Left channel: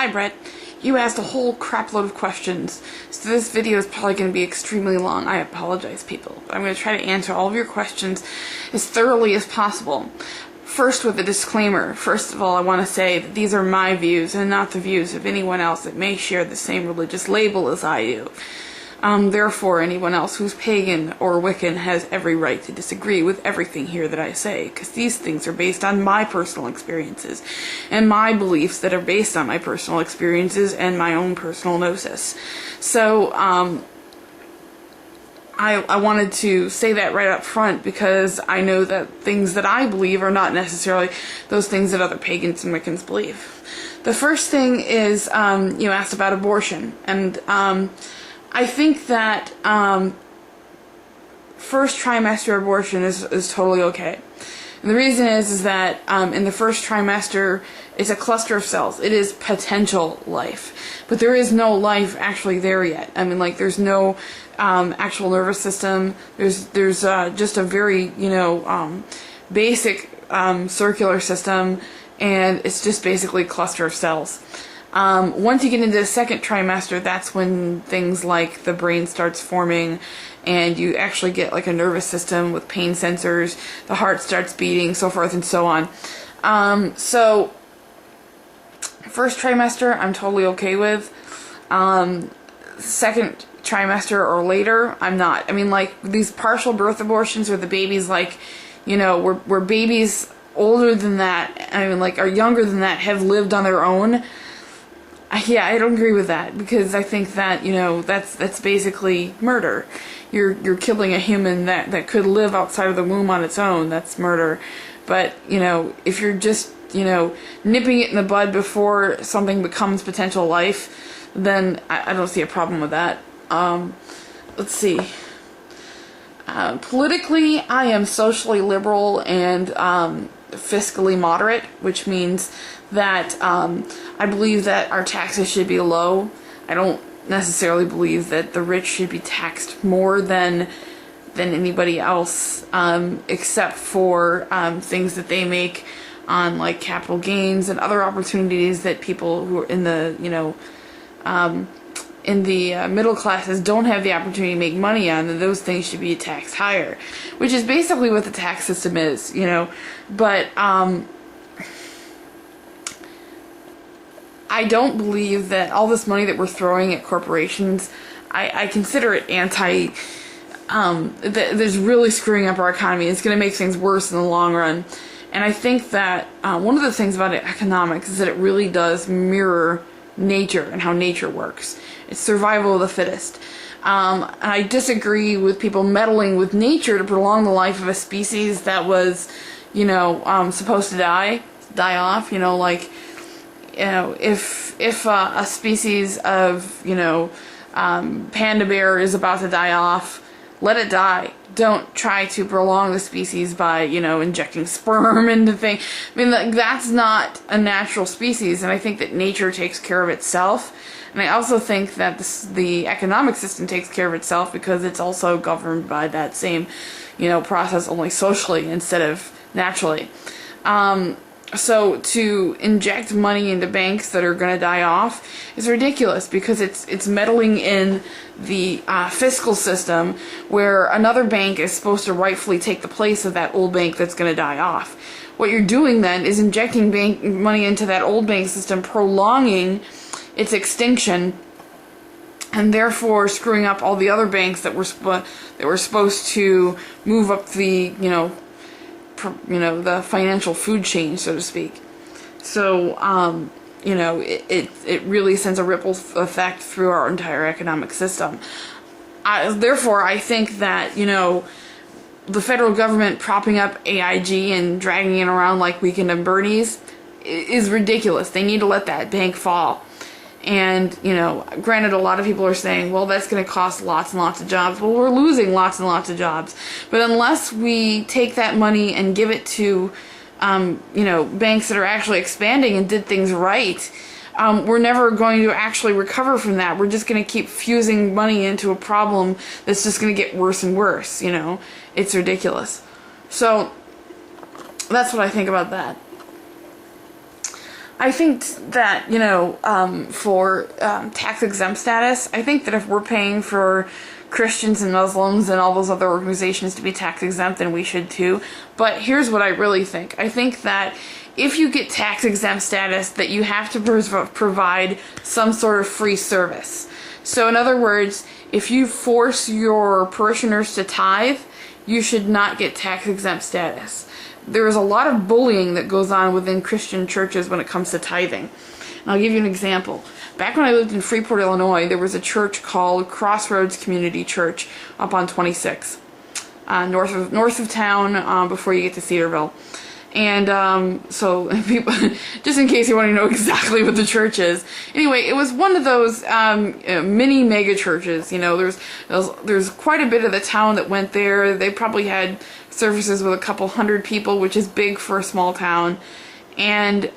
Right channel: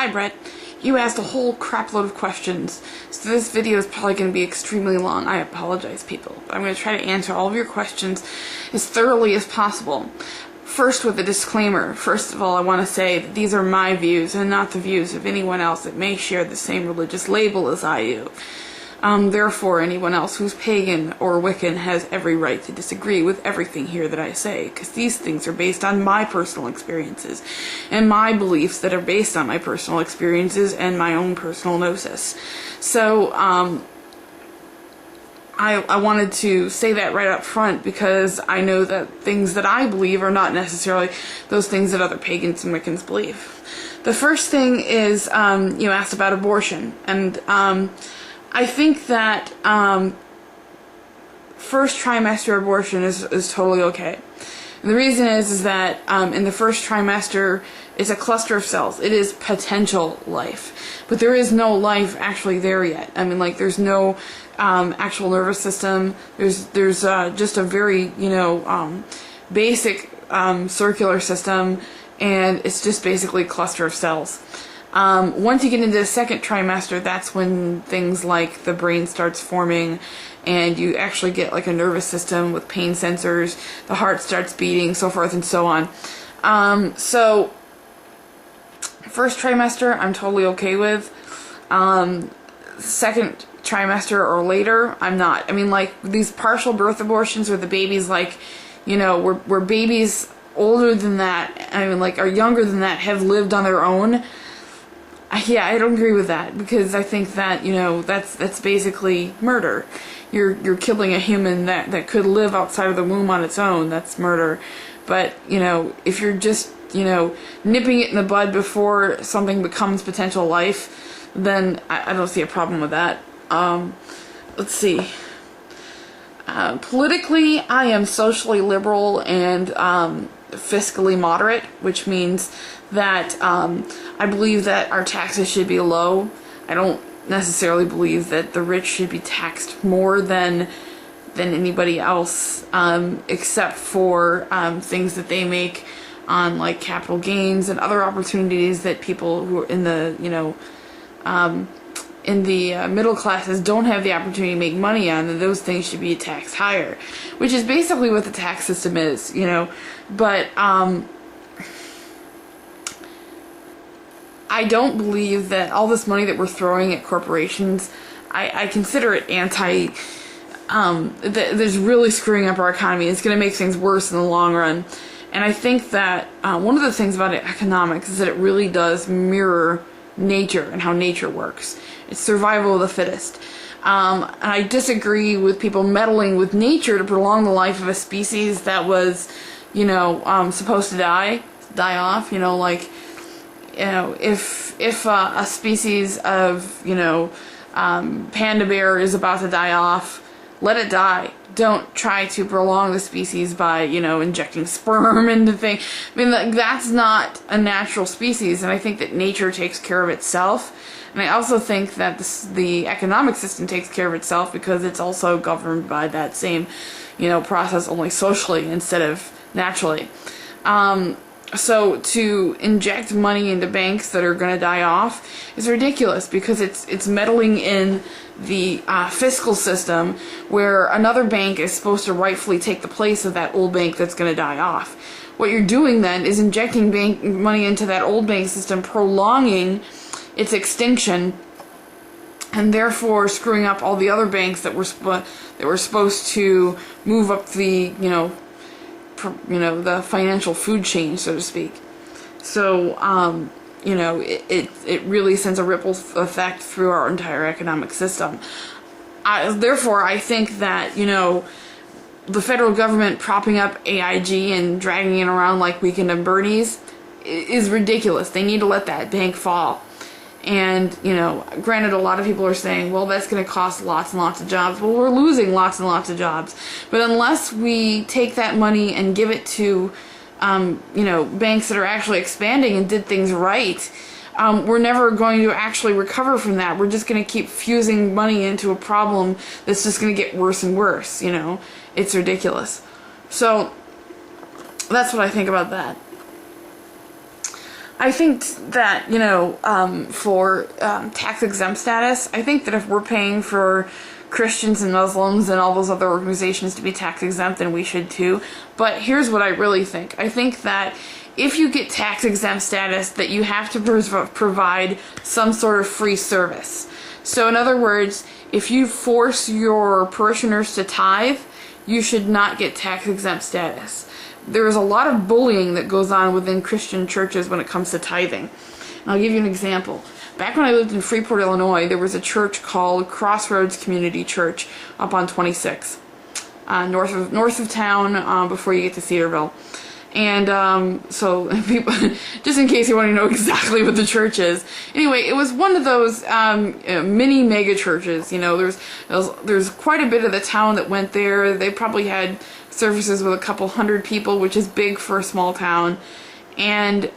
Hi Brett, you asked a whole crapload of questions, so this video is probably going to be extremely long. I apologize, people, but I'm going to try to answer all of your questions as thoroughly as possible. First, with a disclaimer. First of all, I want to say that these are my views and not the views of anyone else that may share the same religious label as I do. Therefore, anyone else who's pagan or Wiccan has every right to disagree with everything here that I say, because these things are based on my personal experiences, and my beliefs that are based on my personal experiences and my own personal gnosis. So, I wanted to say that right up front, because I know that things that I believe are not necessarily those things that other pagans and Wiccans believe. The first thing is, you asked about abortion, and, I think that first trimester abortion is totally okay. And the reason is that in the first trimester, it's a cluster of cells. It is potential life. But there is no life actually there yet. I mean, like, there's no actual nervous system. There's just a very, basic circular system, and it's just basically a cluster of cells. Once you get into the second trimester, that's when things like the brain starts forming, and you actually get like a nervous system with pain sensors, the heart starts beating, so forth and so on. So first trimester, I'm totally okay with. Second trimester or later, I'm not. I mean, like, these partial birth abortions where the baby's like, where babies older than that, I mean, like, are younger than that, have lived on their own. Yeah, I don't agree with that, because I think that, that's basically murder. You're killing a human that could live outside of the womb on its own. That's murder. But, if you're just, nipping it in the bud before something becomes potential life, then I don't see a problem with that. Let's see. Politically, I am socially liberal and fiscally moderate, which means that I believe that our taxes should be low. I don't necessarily believe that the rich should be taxed more than anybody else, except for things that they make on, like, capital gains and other opportunities that people who are in the middle classes don't have the opportunity to make money on, and those things should be taxed higher, which is basically what the tax system is, But I don't believe that all this money that we're throwing at corporations, I consider it there's really screwing up our economy. It's going to make things worse in the long run. And I think that one of the things about economics is that it really does mirror nature and how nature works. It's survival of the fittest. And I disagree with people meddling with nature to prolong the life of a species that was, supposed to die off. If a species of, panda bear is about to die off, let it die. Don't try to prolong the species by, injecting sperm into things. I mean, that's not a natural species, and I think that nature takes care of itself. And I also think that the economic system takes care of itself, because it's also governed by that same, process, only socially instead of naturally. So to inject money into banks that are going to die off is ridiculous, because it's meddling in the fiscal system, where another bank is supposed to rightfully take the place of that old bank that's going to die off. What you're doing then is injecting bank money into that old bank system, prolonging its extinction, and therefore screwing up all the other banks that were supposed to move up the the financial food chain, so to speak. So, it really sends a ripple effect through our entire economic system. Therefore, I think that, the federal government propping up AIG and dragging it around like Weekend at Bernie's is ridiculous. They need to let that bank fall. And, granted, a lot of people are saying, well, that's going to cost lots and lots of jobs. Well, we're losing lots and lots of jobs. But unless we take that money and give it to, banks that are actually expanding and did things right, we're never going to actually recover from that. We're just going to keep fusing money into a problem that's just going to get worse and worse, It's ridiculous. So, that's what I think about that. I think that, for tax exempt status, I think that if we're paying for Christians and Muslims and all those other organizations to be tax exempt, then we should too. But here's what I really think. I think that if you get tax exempt status, that you have to provide some sort of free service. So in other words, if you force your parishioners to tithe, you should not get tax exempt status. There is a lot of bullying that goes on within Christian churches when it comes to tithing. And I'll give you an example. Back when I lived in Freeport, Illinois, there was a church called Crossroads Community Church up on 26, north of town, before you get to Cedarville. And so people, just in case you want to know exactly what the church is. Anyway, it was one of those mini mega churches. There's quite a bit of the town that went there. They probably had services with a couple hundred people, which is big for a small town. And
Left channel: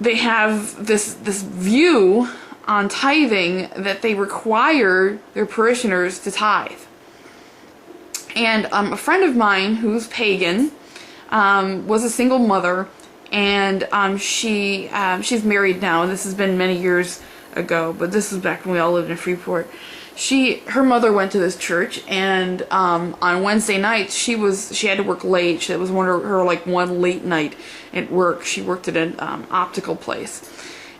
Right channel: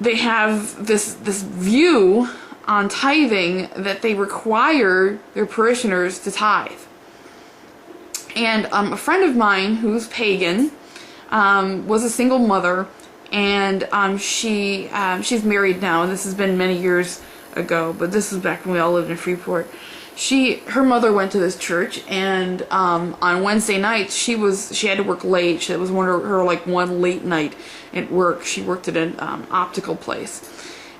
they have this view on tithing that they require their parishioners to tithe. And a friend of mine who's pagan was a single mother, and she's married now, and this has been many years ago, but this was back when we all lived in Freeport. Her mother went to this church, and on Wednesday nights she had to work late. It was one late night at work. She worked at an optical place.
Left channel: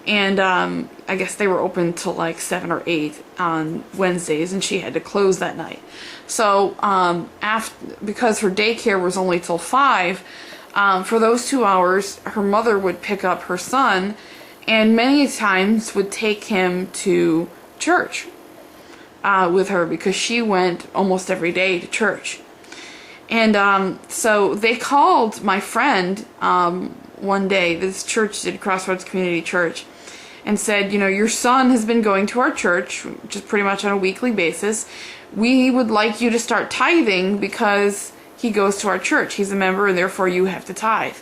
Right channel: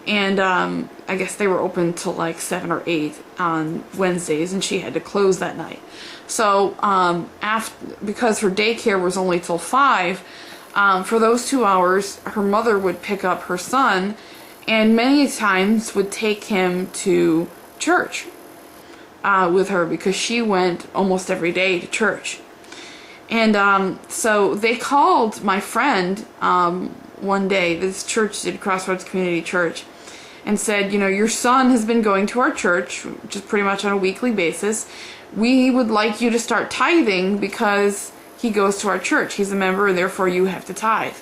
And I guess they were open till like 7 or 8 on Wednesdays, and she had to close that night. So because her daycare was only till 5, for those 2 hours, her mother would pick up her son, and many times would take him to church with her, because she went almost every day to church. And so they called my friend one day. This church did, Crossroads Community Church, and said, your son has been going to our church, just pretty much on a weekly basis. We would like you to start tithing because he goes to our church. He's a member, and therefore you have to tithe.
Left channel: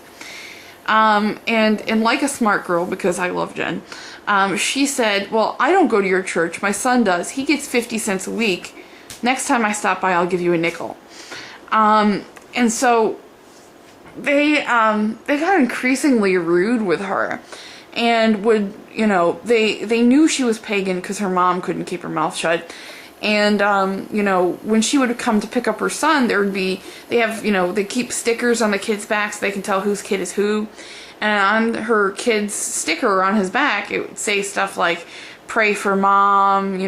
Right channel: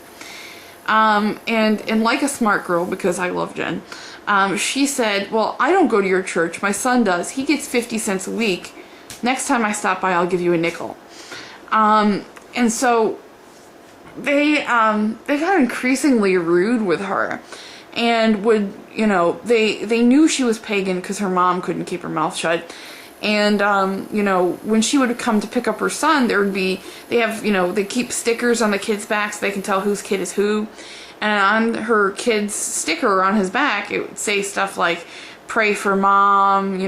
And like a smart girl, because I love Jen, she said, well, I don't go to your church. My son does. He gets 50 cents a week. Next time I stop by, I'll give you a nickel. And so they got increasingly rude with her, and would, they knew she was pagan because her mom couldn't keep her mouth shut. And, when she would come to pick up her son, they keep stickers on the kid's back so they can tell whose kid is who. And on her kid's sticker on his back, it would say stuff like, pray for mom,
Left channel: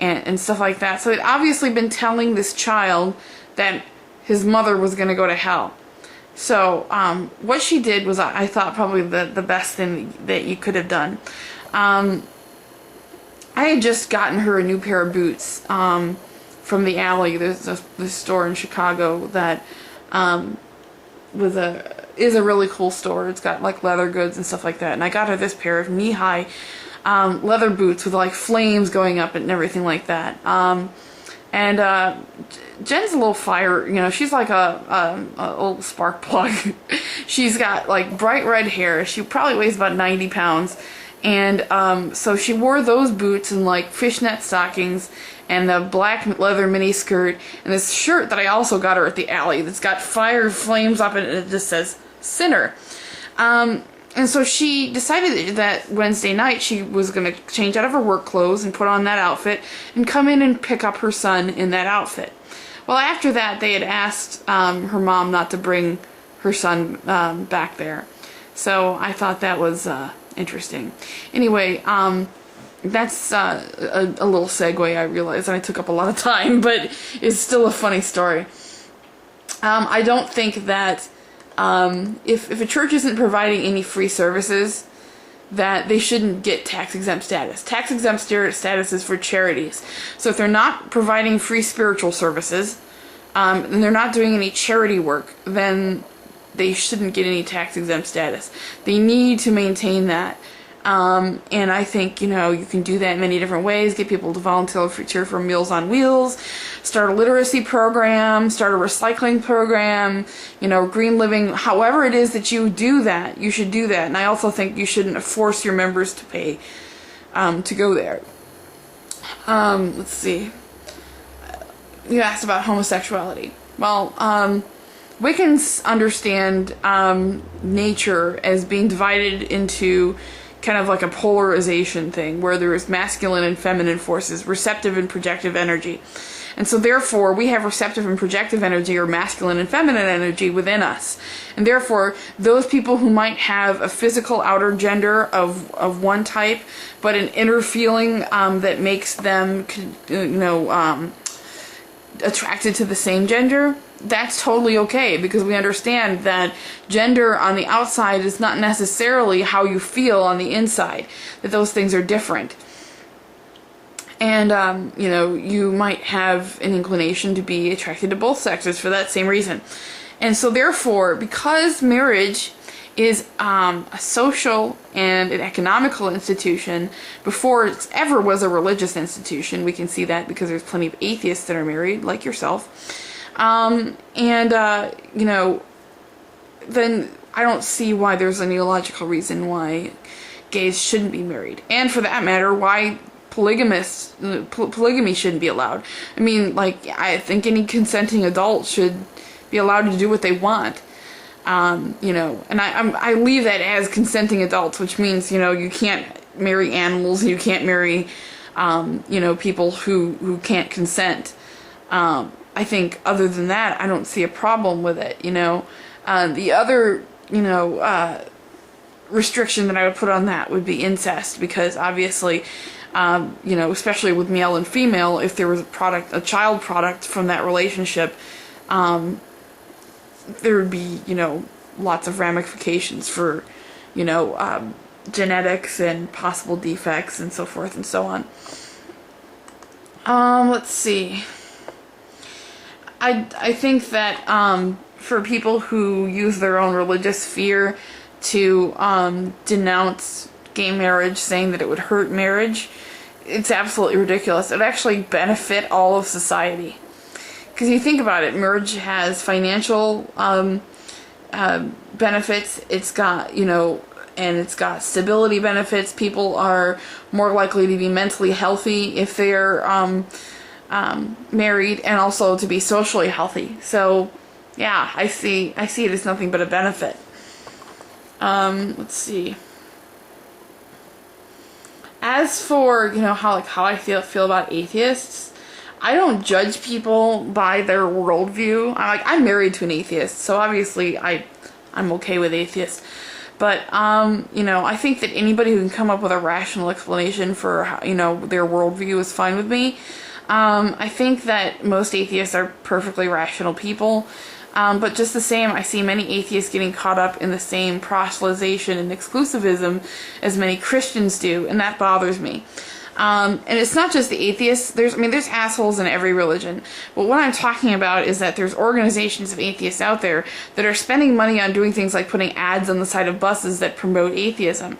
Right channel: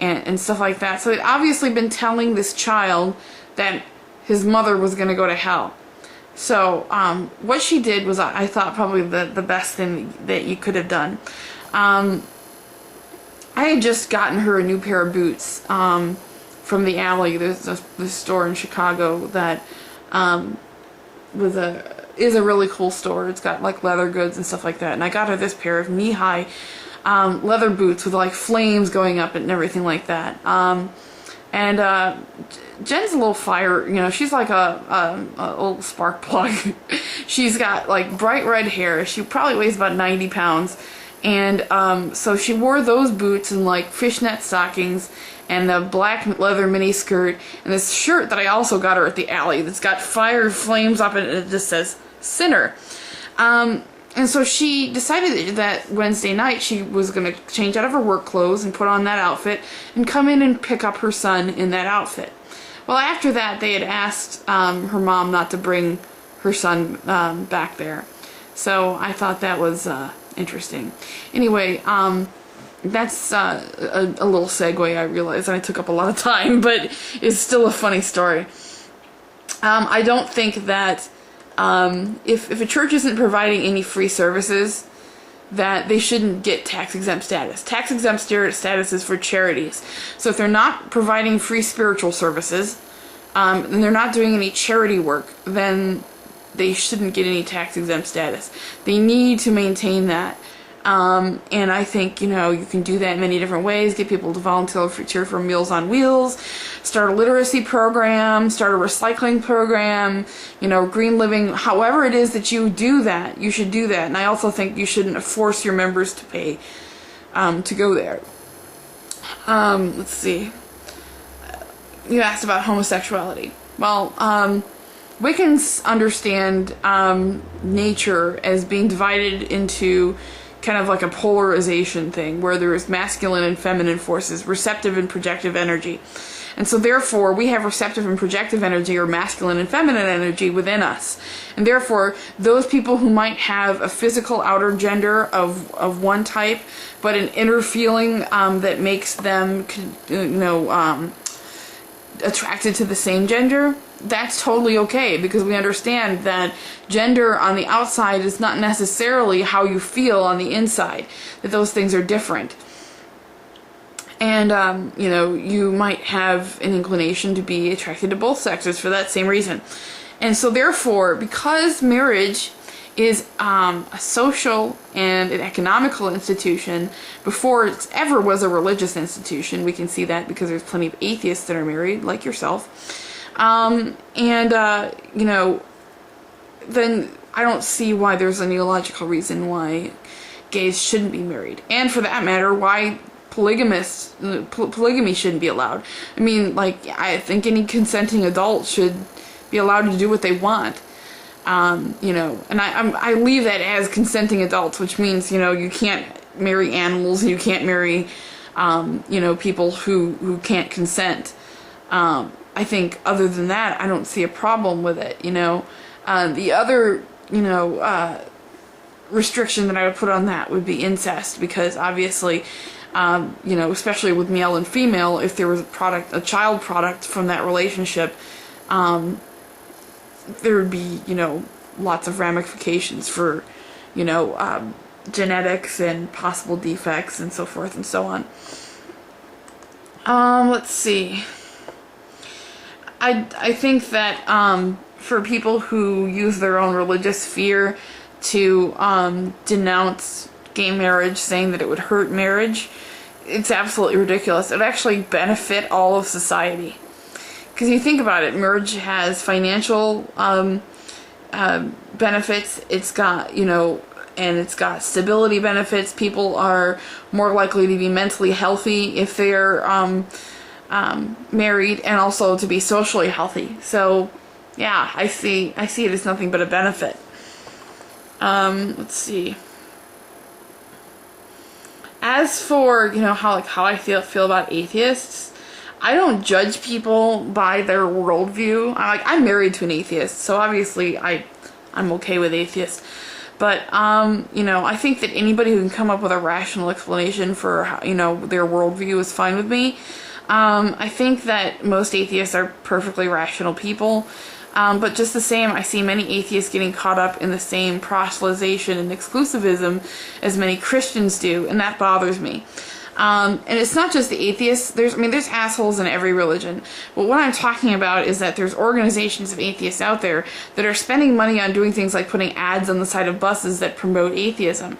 and stuff like that. So they'd obviously been telling this child that his mother was going to go to hell. So what she did was, I thought, probably the best thing that you could have done. I had just gotten her a new pair of boots from the Alley. There's this store in Chicago that is a really cool store. It's got like leather goods and stuff like that. And I got her this pair of knee-high leather boots with like flames going up and everything like that. And Jen's a little fire, she's like a old spark plug. She's got like bright red hair. She probably weighs about 90 pounds. And so she wore those boots and like fishnet stockings and the black leather mini skirt and this shirt that I also got her at the Alley that's got fire flames up it, and it just says sinner. And so she decided that Wednesday night she was going to change out of her work clothes and put on that outfit and come in and pick up her son in that outfit. Well, after that, they had asked her mom not to bring her son back there. So I thought that was interesting. Anyway, that's a little segue, I realize, and I took up a lot of time, but it's still a funny story. I don't think that if a church isn't providing any free services, that they shouldn't get tax-exempt status. Tax-exempt status is for charities. So if they're not providing free spiritual services, and they're not doing any charity work, then they shouldn't get any tax-exempt status. They need to maintain that. And I think, you can do that in many different ways. Get people to volunteer for Meals on Wheels, start a literacy program, start a recycling program, green living. However it is that you do that, you should do that. And I also think you shouldn't force your members to pay to go there. Let's see. You asked about homosexuality. Well, Wiccans understand nature as being divided into kind of like a polarization thing, where there is masculine and feminine forces, receptive and projective energy. And so therefore, we have receptive and projective energy, or masculine and feminine energy, within us. And therefore, those people who might have a physical outer gender of one type, but an inner feeling that makes them, attracted to the same gender, that's totally okay, because we understand that gender on the outside is not necessarily how you feel on the inside, that those things are different. And, you might have an inclination to be attracted to both sexes for that same reason. And so therefore, because marriage is a social and an economical institution before it ever was a religious institution, we can see that because there's plenty of atheists that are married, like yourself. Then I don't see why there's any logical reason why gays shouldn't be married. And for that matter, why polygamy shouldn't be allowed. I mean, I think any consenting adult should be allowed to do what they want. And I leave that as consenting adults, which means, you can't marry animals, you can't marry, people who can't consent. I think other than that, I don't see a problem with it, The other, restriction that I would put on that would be incest, because obviously, especially with male and female, if there was a child product from that relationship, there would be, lots of ramifications for, genetics and possible defects and so forth and so on. Let's see. I think that for people who use their own religious fear to denounce gay marriage, saying that it would hurt marriage, it's absolutely ridiculous. It would actually benefit all of society. Because you think about it, marriage has financial benefits, it's got, and it's got stability benefits. People are more likely to be mentally healthy if they're married, and also to be socially healthy. So, yeah, I see it as nothing but a benefit. Let's see. As for, how I feel about atheists, I don't judge people by their worldview. I'm married to an atheist, so obviously I'm okay with atheists. But, I think that anybody who can come up with a rational explanation for, their worldview is fine with me. I think that most atheists are perfectly rational people. But just the same, I see many atheists getting caught up in the same proselytization and exclusivism as many Christians do, and that bothers me. And it's not just the atheists. There's assholes in every religion. But what I'm talking about is that there's organizations of atheists out there that are spending money on doing things like putting ads on the side of buses that promote atheism.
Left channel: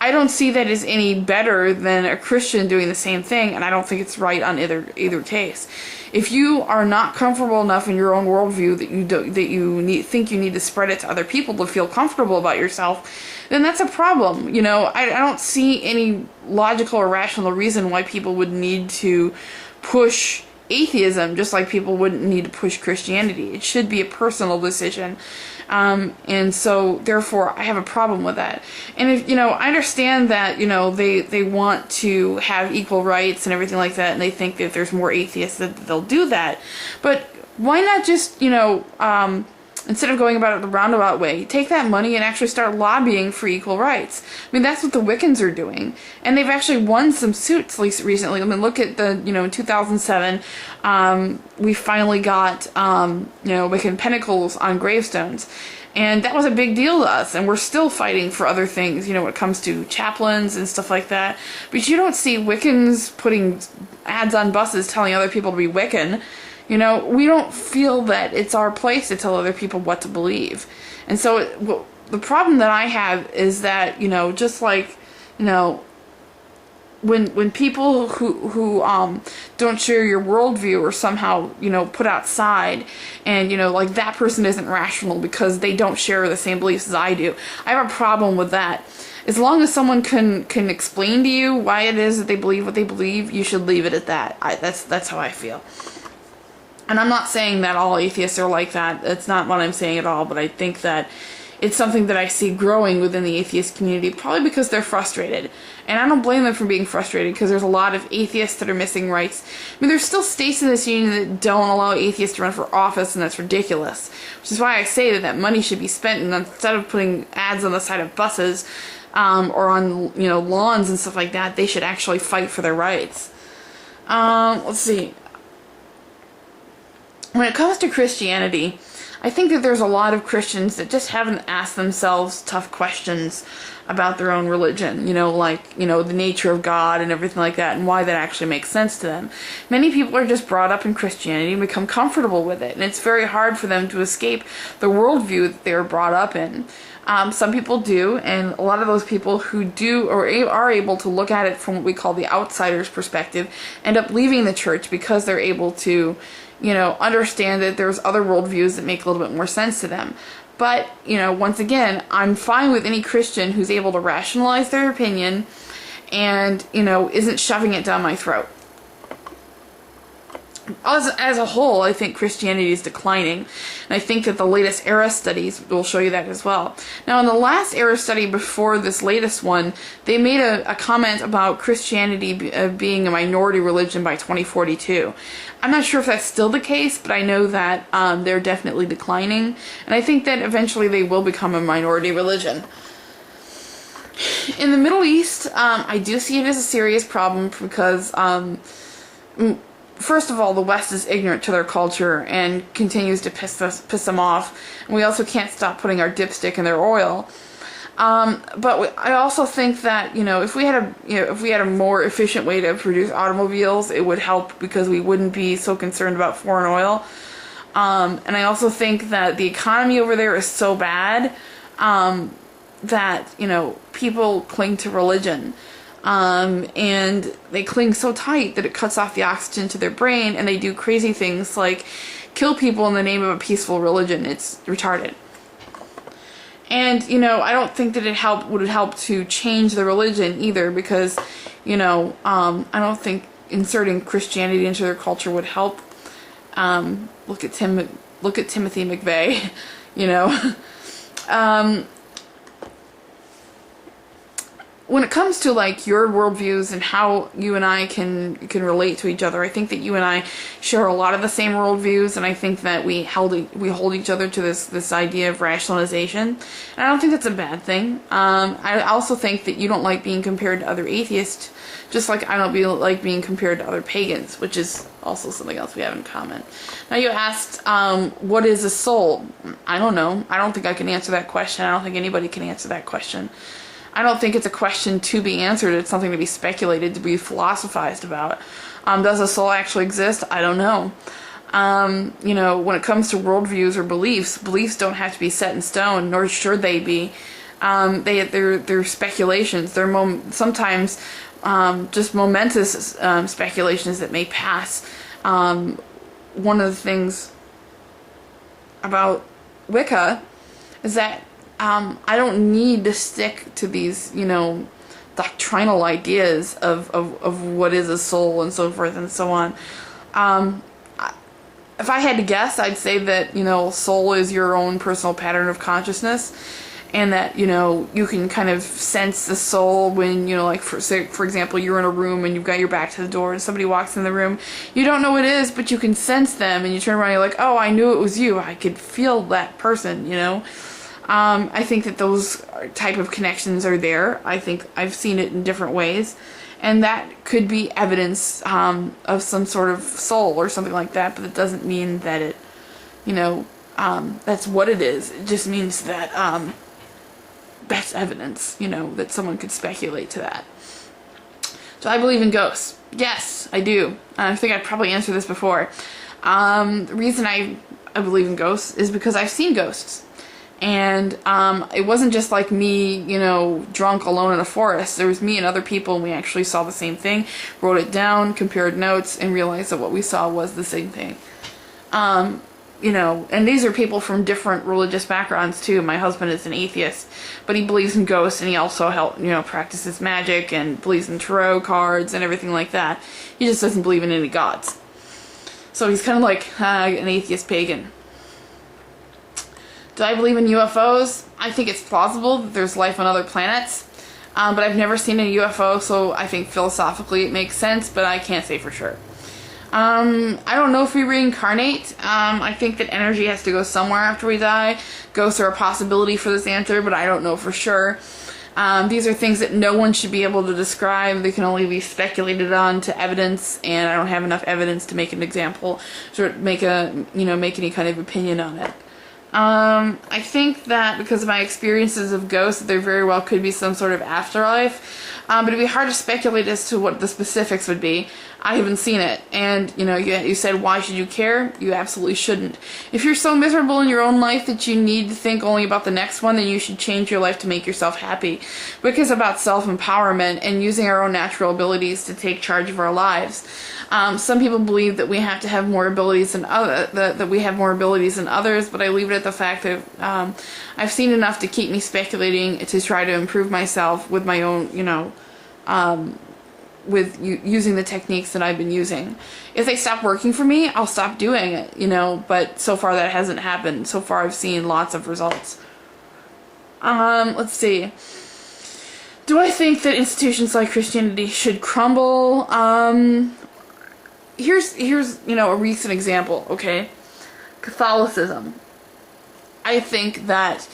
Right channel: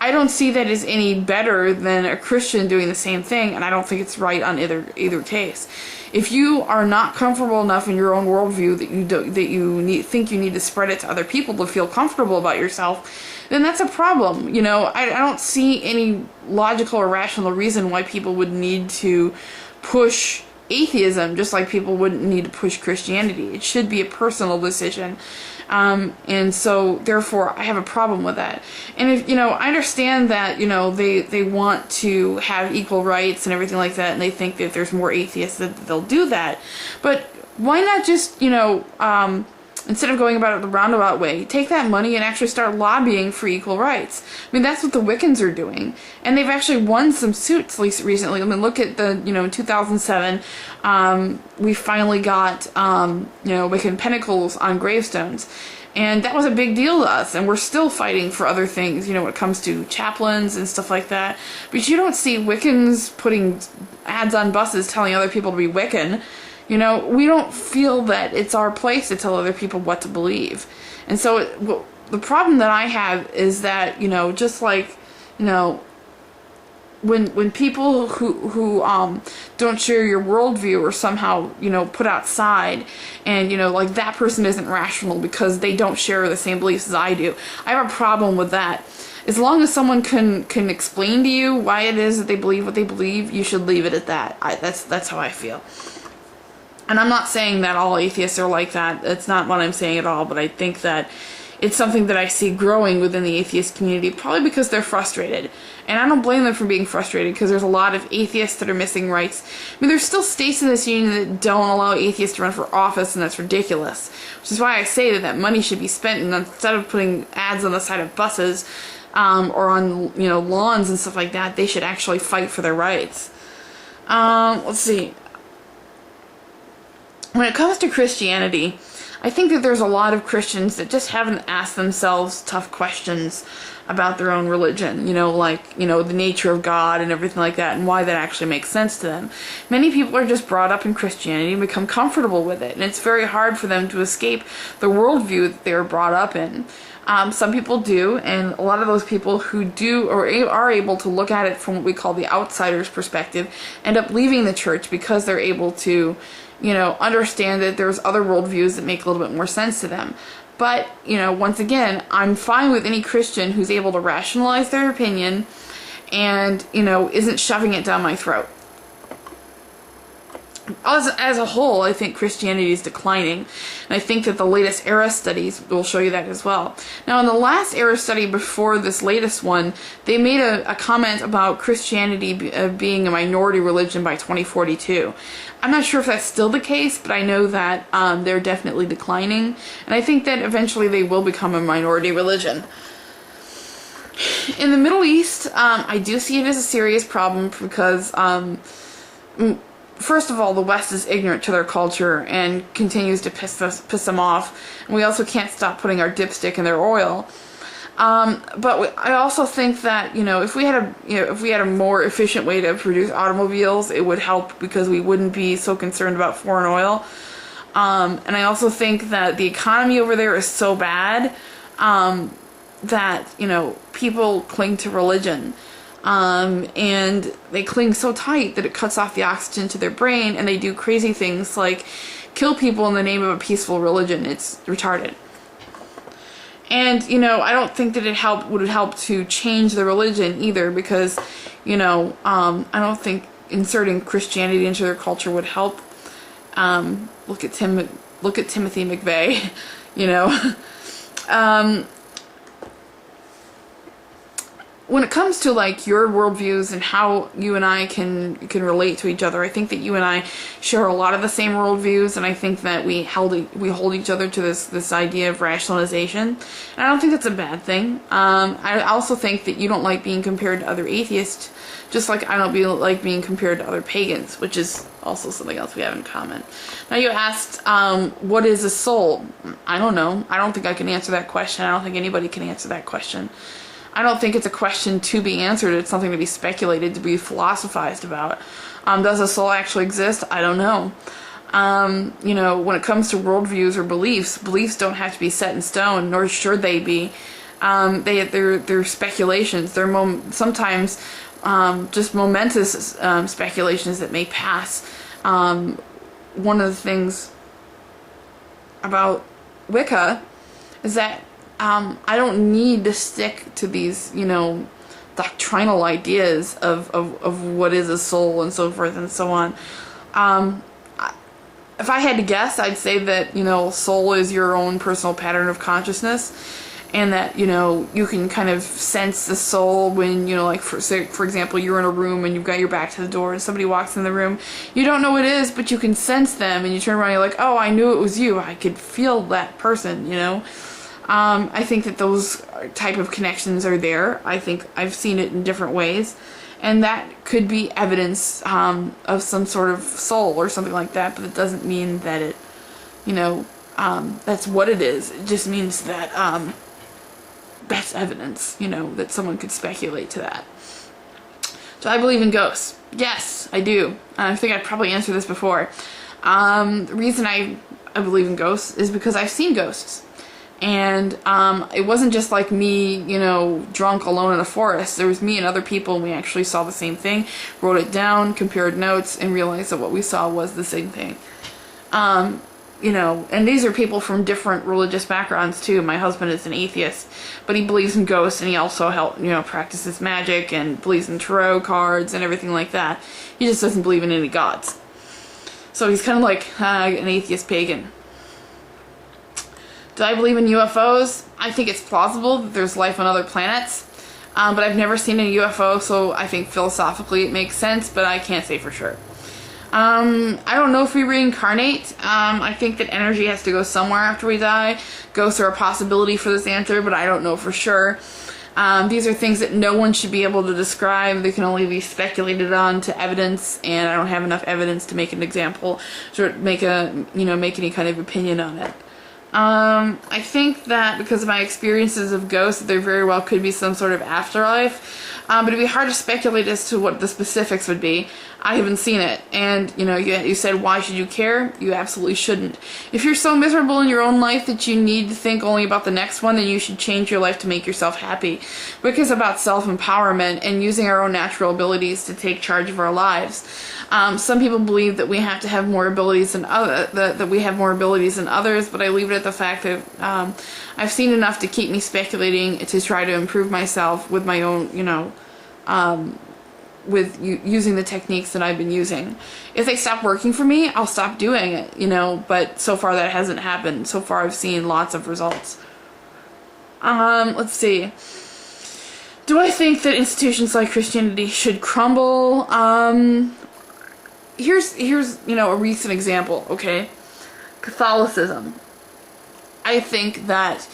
I don't see that as any better than a Christian doing the same thing, and I don't think it's right on either case. If you are not comfortable enough in your own worldview that think you need to spread it to other people to feel comfortable about yourself, then that's a problem. I don't see any logical or rational reason why people would need to push atheism just like people wouldn't need to push Christianity. It should be a personal decision. And so therefore I have a problem with that. And if, I understand that, they want to have equal rights and everything like that, and they think that if there's more atheists that they'll do that. But why not just, instead of going about it the roundabout way, take that money and actually start lobbying for equal rights? That's what the Wiccans are doing. And they've actually won some suits recently. Look at in 2007, we finally got, Wiccan pentacles on gravestones. And that was a big deal to us. And we're still fighting for other things, when it comes to chaplains and stuff like that. But you don't see Wiccans putting ads on buses telling other people to be Wiccan. We don't feel that it's our place to tell other people what to believe. And so the problem that I have is that, just like, when people who don't share your worldview are somehow, put outside, and, like that person isn't rational because they don't share the same beliefs as I do. I have a problem with that. As long as someone can explain to you why it is that they believe what they believe, you should leave it at that. That's how I feel. And I'm not saying that all atheists are like that. That's not what I'm saying at all. But I think that it's something that I see growing within the atheist community, probably because they're frustrated. And I don't blame them for being frustrated, because there's a lot of atheists that are missing rights. I mean, there's still states in this union that don't allow atheists to run for office, and that's ridiculous. Which is why I say that money should be spent, and instead of putting ads on the side of buses, or on, lawns and stuff like that, they should actually fight for their rights. Let's see. When it comes to Christianity, I think that there's a lot of Christians that just haven't asked themselves tough questions about their own religion, the nature of God and everything like that, and why that actually makes sense to them. Many people are just brought up in Christianity and become comfortable with it, and it's very hard for them to escape the worldview that they were brought up in. Some people do, and a lot of those people who do or are able to look at it from what we call the outsider's perspective end up leaving the church because they're able to understand that there's other worldviews that make a little bit more sense to them. But, once again, I'm fine with any Christian who's able to rationalize their opinion and, isn't shoving it down my throat. As a whole, I think Christianity is declining, and I think that the latest era studies will show you that as well. Now, in the last era study before this latest one, they made a comment about Christianity being a minority religion by 2042. I'm not sure if that's still the case, but I know that they're definitely declining, and I think that eventually they will become a minority religion. In the Middle East, I do see it as a serious problem because first of all, the West is ignorant to their culture and continues to piss them off. And we also can't stop putting our dipstick in their oil. But I also think that if we had a more efficient way to produce automobiles, it would help because we wouldn't be so concerned about foreign oil. And I also think that the economy over there is so bad that people cling to religion. And they cling so tight that it cuts off the oxygen to their brain, and they do crazy things like kill people in the name of a peaceful religion. It's retarded. And, I don't think that would help to change the religion either, because, I don't think inserting Christianity into their culture would help. Look at Timothy McVeigh, When it comes to your worldviews and how you and I can relate to each other, I think that you and I share a lot of the same worldviews, and I think that we hold each other to this idea of rationalization, and I don't think that's a bad thing. I also think that you don't like being compared to other atheists, just like I don't like being compared to other pagans, which is also something else we have in common. Now, you asked, what is a soul? I don't know. I don't think I can answer that question. I don't think anybody can answer that question. I don't think it's a question to be answered. It's something to be speculated, to be philosophized about. Does a soul actually exist? I don't know. When it comes to worldviews or beliefs don't have to be set in stone, nor should they be. They're speculations. They're sometimes just momentous speculations that may pass. One of the things about Wicca is that I don't need to stick to these, doctrinal ideas of what is a soul and so forth and so on. If I had to guess, I'd say that, soul is your own personal pattern of consciousness, and that, you can kind of sense the soul when, for example, you're in a room and you've got your back to the door and somebody walks in the room. You don't know what it is, but you can sense them, and you turn around and you're like, oh, I knew it was you. I could feel that person, I think that those type of connections are there. I think I've seen it in different ways, and that could be evidence of some sort of soul or something like that, but it doesn't mean that it, that's what it is. It just means that that's evidence, that someone could speculate to that. So I believe in ghosts. Yes, I do. I think I've probably answered this before. The reason I believe in ghosts is because I've seen ghosts. And it wasn't just like me, drunk alone in a forest. There was me and other people, and we actually saw the same thing, wrote it down, compared notes, and realized that what we saw was the same thing. And these are people from different religious backgrounds too. My husband is an atheist, but he believes in ghosts, and he also practices magic and believes in tarot cards and everything like that. He just doesn't believe in any gods. So he's kind of like an atheist pagan. Do I believe in UFOs? I think it's plausible that there's life on other planets. But I've never seen a UFO, so I think philosophically it makes sense, but I can't say for sure. I don't know if we reincarnate. I think that energy has to go somewhere after we die. Ghosts are a possibility for this answer, but I don't know for sure. These are things that no one should be able to describe. They can only be speculated on to evidence, and I don't have enough evidence to make an example, to make any kind of opinion on it. I think that because of my experiences of ghosts, there very well could be some sort of afterlife. But it'd be hard to speculate as to what the specifics would be. I haven't seen it. And, you said, why should you care? You absolutely shouldn't. If you're so miserable in your own life that you need to think only about the next one, then you should change your life to make yourself happy. Because it's about self-empowerment and using our own natural abilities to take charge of our lives. Some people believe that we have to have more abilities than that we have more abilities than others, but I leave it at the fact that I've seen enough to keep me speculating to try to improve myself with my own, using the techniques that I've been using. If they stop working for me, I'll stop doing it, but so far that hasn't happened. So far I've seen lots of results. Let's see. Do I think that institutions like Christianity should crumble? Here's a recent example, okay? Catholicism. I think that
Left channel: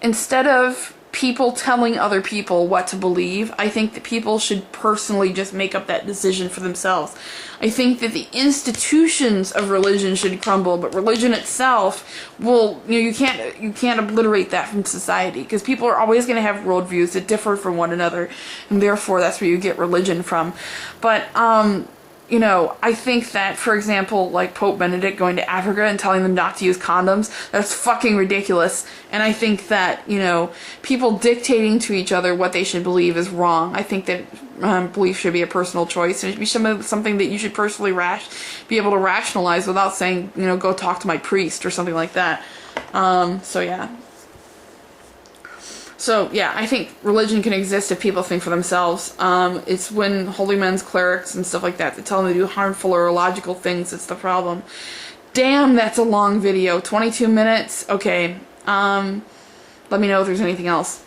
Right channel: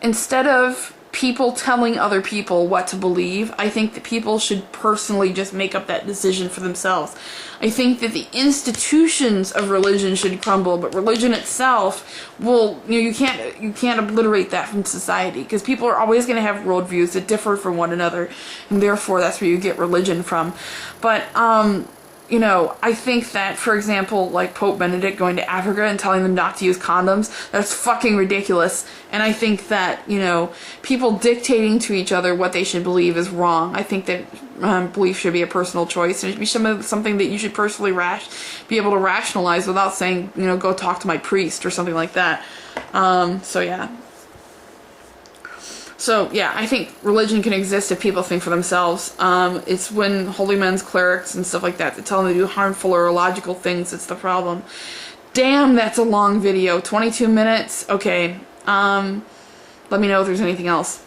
instead of people telling other people what to believe, I think that people should personally just make up that decision for themselves. I think that the institutions of religion should crumble, but religion itself will, you can't obliterate that from society, because people are always going to have worldviews that differ from one another, and therefore that's where you get religion from. But I think that, for example, like Pope Benedict going to Africa and telling them not to use condoms, that's fucking ridiculous. And I think that, people dictating to each other what they should believe is wrong. I think that belief should be a personal choice, and it should be something that you should personally be able to rationalize without saying, go talk to my priest or something like that. So, yeah, I think religion can exist if people think for themselves. It's when holy men's clerics and stuff like that tell them to do harmful or illogical things that's the problem. Damn, that's a long video. 22 minutes? Okay. Let me know if there's anything else.